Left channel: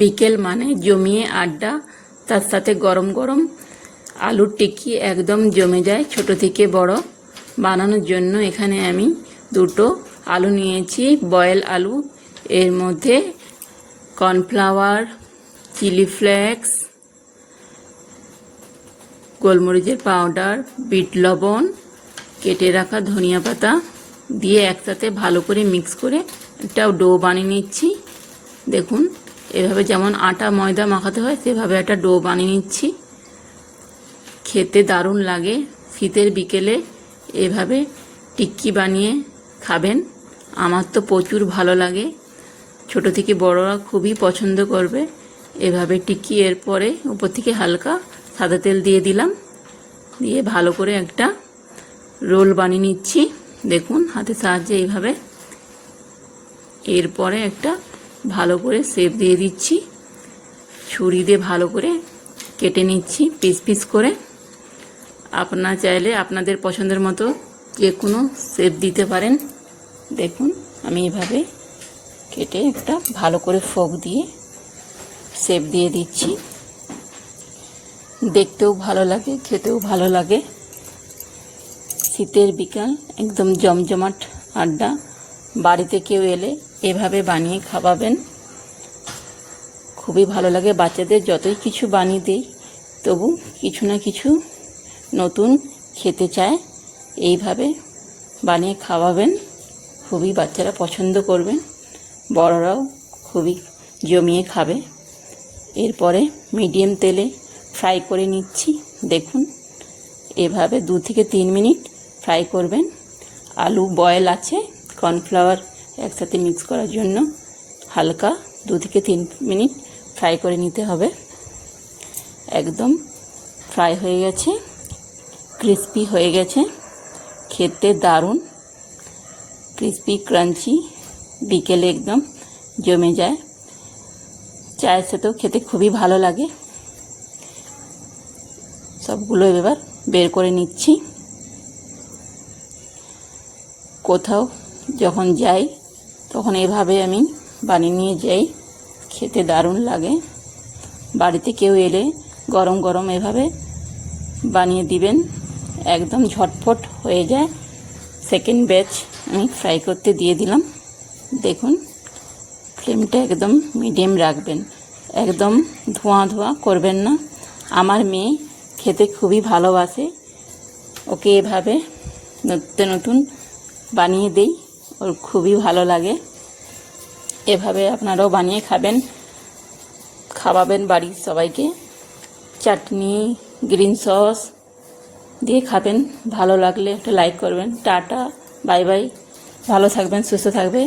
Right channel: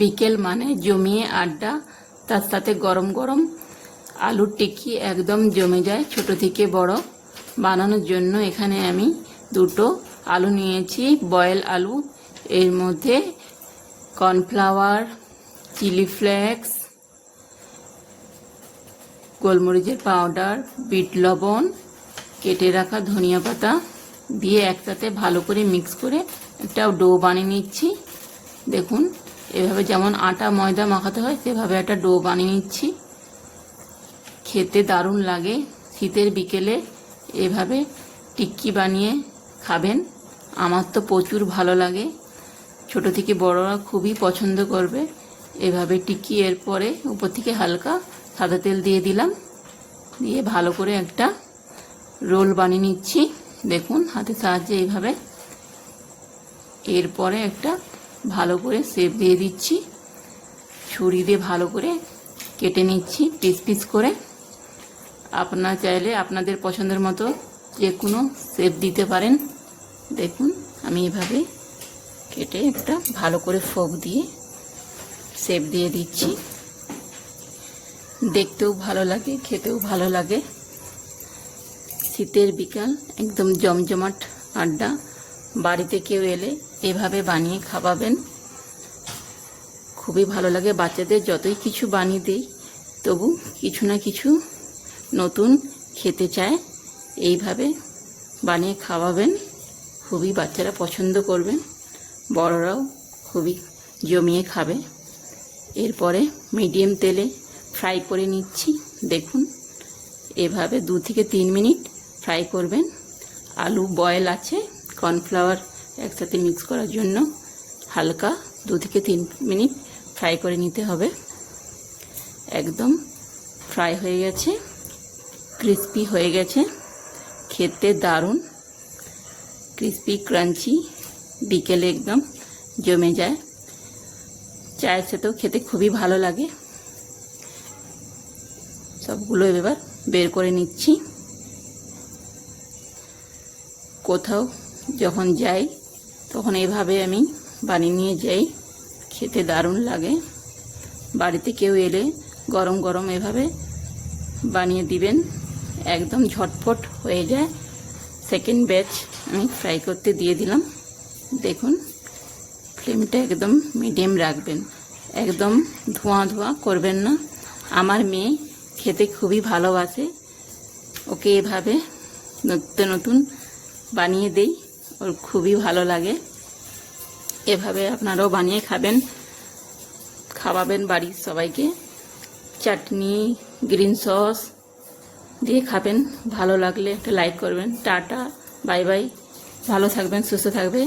বিকেল মানে জমিয়ে আড্ডা, তার সাথে গরম গরম আলুর টিক্কি একদম জমে যায়। ছোট থেকে বড় বানানোর জন্য এখানে আমি দুটো আলু নিয়েছি, বয়েল আলু। এর মধ্যে কর্নফ্লাওয়ার, চিলি ফ্লেক্স, গোলমরিচের পাউডার, বিট লবণ, কেটে রাখা ধনিয়া পাতা দিয়ে একসাথে ভালো করে মিক্স করে একটা ডো বানিয়ে নিচ্ছি। দেখুন, এভাবে যেমন আটা ময়দা মাখাতে হয় সেভাবে একটা ডো বানিয়ে নিচ্ছি। খেতে দারুণ লাগে। শীতের বিকেলে এভাবে টিক্কি বানিয়ে খাবেন। আমার তো প্রচুর ভালো লাগে, ছোট থেকে বড়রা খুবই পছন্দ করবে এভাবে টিক্কি। এরপরে উপর থেকে হালকা সাদা তেল দিয়ে দিলাম, দিয়ে ভালো করে একটা রোল বানিয়ে নিচ্ছি। দেখুন, হাতের সাহায্যে এইভাবে। এরপরে একটা ভালো করে শেপ দিয়ে দিচ্ছি, ছুরি দিয়ে ভালো করে কেটে নিচ্ছি পিস পিস করে। আপনারা চাইলে আপনাদের পছন্দের মতো যে কোনো শেপ দিতে পারেন। দেখুন, আমি এইভাবে কেটে একটা ভালো করে ফোক দিয়ে শেপ দিয়ে দিচ্ছি। দেখতেও ভালো লাগে, খেতেও ভালো লাগে। শীতের বিকাল একদম জমজমাট আড্ডা। বাড়িতে কেউ এলে এভাবে বানিয়ে খাওয়াবেন, খুবই ভালো লাগে। বাচ্চাদের যতই কিছু বানিয়ে দিই তবু কিছু না কিছু নতুন খেতে চায়। এইভাবে বানিয়ে খাওয়াবেন, খুবই বাচ্চারা পছন্দ করবেন, বড়রাও খুবই জমিয়ে খাবে। এরপরে মিডিয়াম তেলে ফ্রাই করে নিচ্ছি। দেখুন, এভাবে 2 থেকে 3 মিনিট ফ্রাই করবেন। আলু বয়েল আছে, কর্নফ্লাওয়ার একসাথে মিক্স করার জন্য হালকা 2 থেকে 3 মিনিট ফ্রাই করে নিতে হবে। একদম ফ্রাই হয়ে গেছে, ক্রিস্পি হয়ে গেছে, খেতে দারুণ ক্রিস্পি ক্রাঞ্চি। বিকেলে একদম জমে যায়, চায়ের সাথেও খেতে খুবই ভালো লাগে। সবগুলো এবার বের করে নিচ্ছি। কোথাও যখন যাই তখন এভাবে আমি বানিয়ে নিয়ে যাই, খেতে দারুণ লাগে। বাড়িতে কেউ এলে গরম গরম এভাবে বানিয়ে দিবেন, একদম ঝটফট হয়ে যায়। সেকেন্ড ব্যাচ আমি ফ্রাই করতে দিয়ে দিলাম। দেখুন, ফ্লেমটা একদম মিডিয়াম রাখবেন, একদম ধোঁয়া ধোঁয়া করবেন না। আমার মেয়ে খেতে খুবই ভালোবাসে, ওকে এভাবে নতুন নতুন বানিয়ে দেই, ওর খুবই ভালো লাগে। এভাবে আপনারাও বানিয়ে খাওয়াবেন বাড়ির সবাইকে। চাটনি, গ্রিন সস দিয়ে খাবেন। ভালো লাগলে একটা লাইক করবেন। টাটা, বাই বাই, ভালো থাকবেন, সুস্থ থাকবে।